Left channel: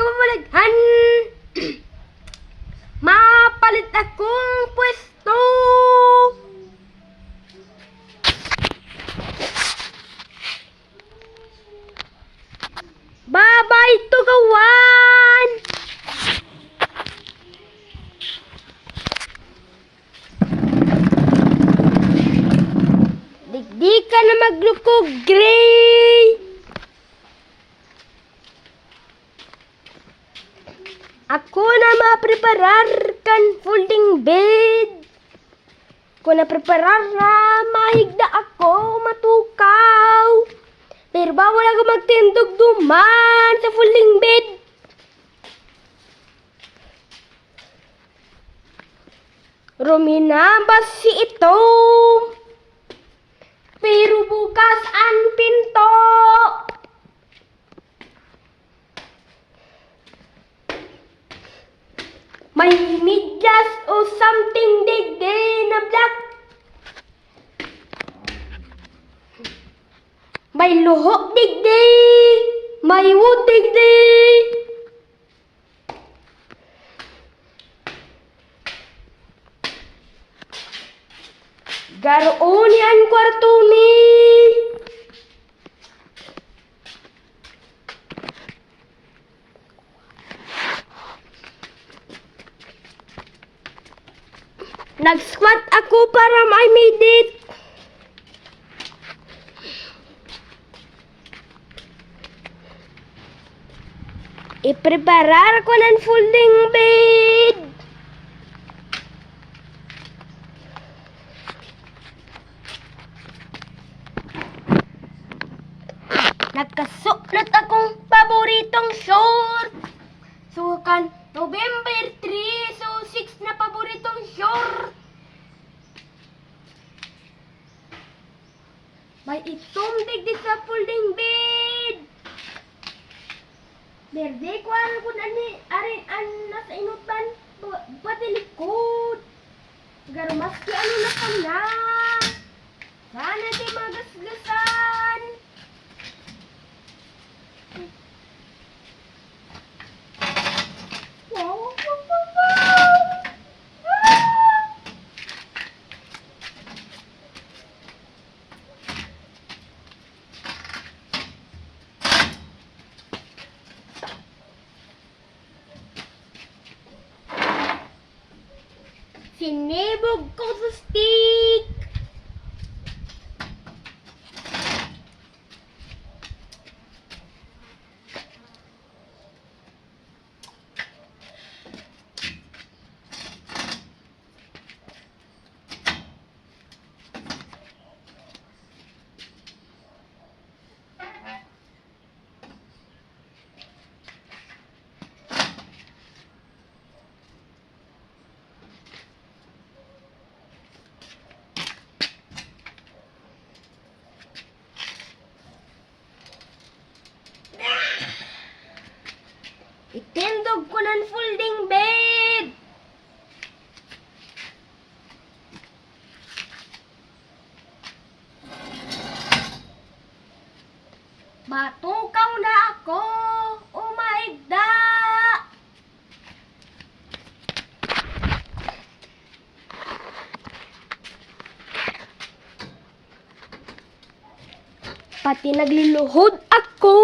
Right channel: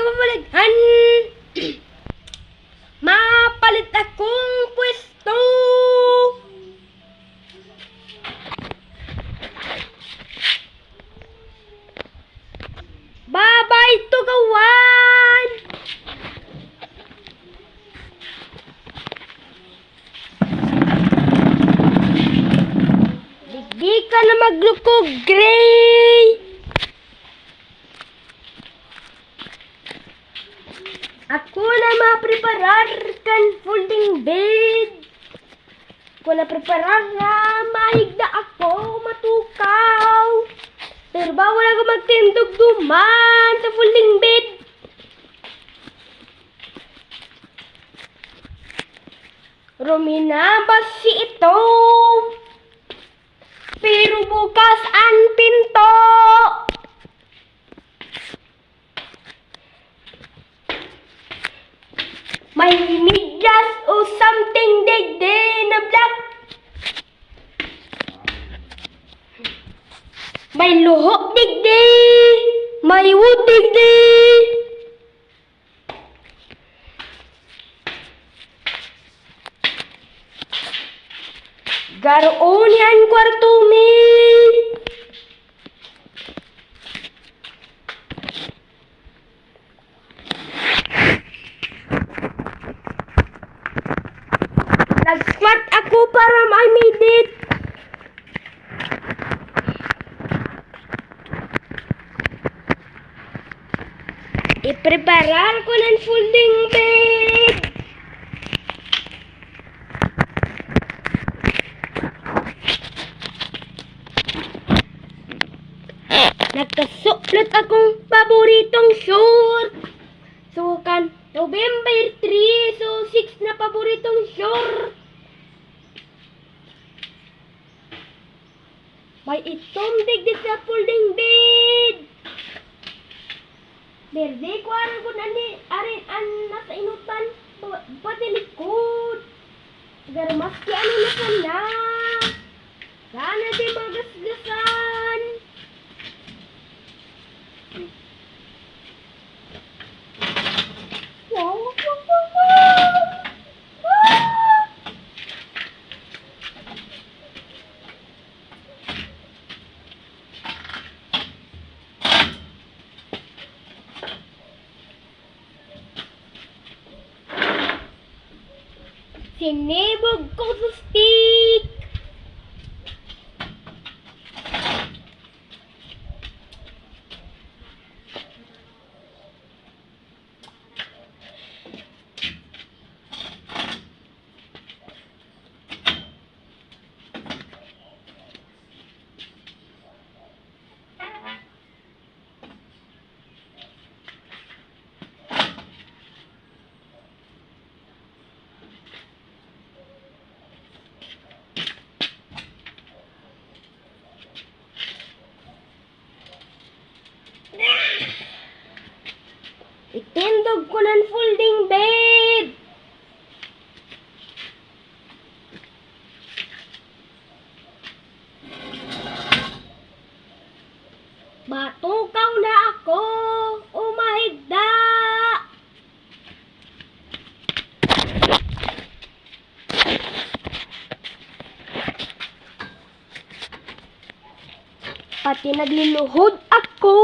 kababalaghan. Mapalit akong pwesto. Babay tugawan. Di ka na maglukog, Gray. Ako na mapreparar kan folding bed. Ako na preparar na mahigda ako matukaw. Pero bawal ako magtindog duman sa folding bed. Romina, basi ito. Pero bukas ang pinto. May medyas o something digdi na black. May luhok digdi. May wood digdi. Garoon yan kwarto mi. Nag-squat ako para may medit. I-preparar ko ng folding bed. Nagkasuklot akong paboritong short. So, November 3, so 6 na paboritong short. May itom digdi sa folding bed. Berde ko aron ko arin an nasa inutan pati likod. Garo maski ano na sana. Sana di magasgasan. Sinibog ko sa stick. Itindog ko ng folding bed. Matukaw na ako. Umahigda. Pati nagliluhod ako.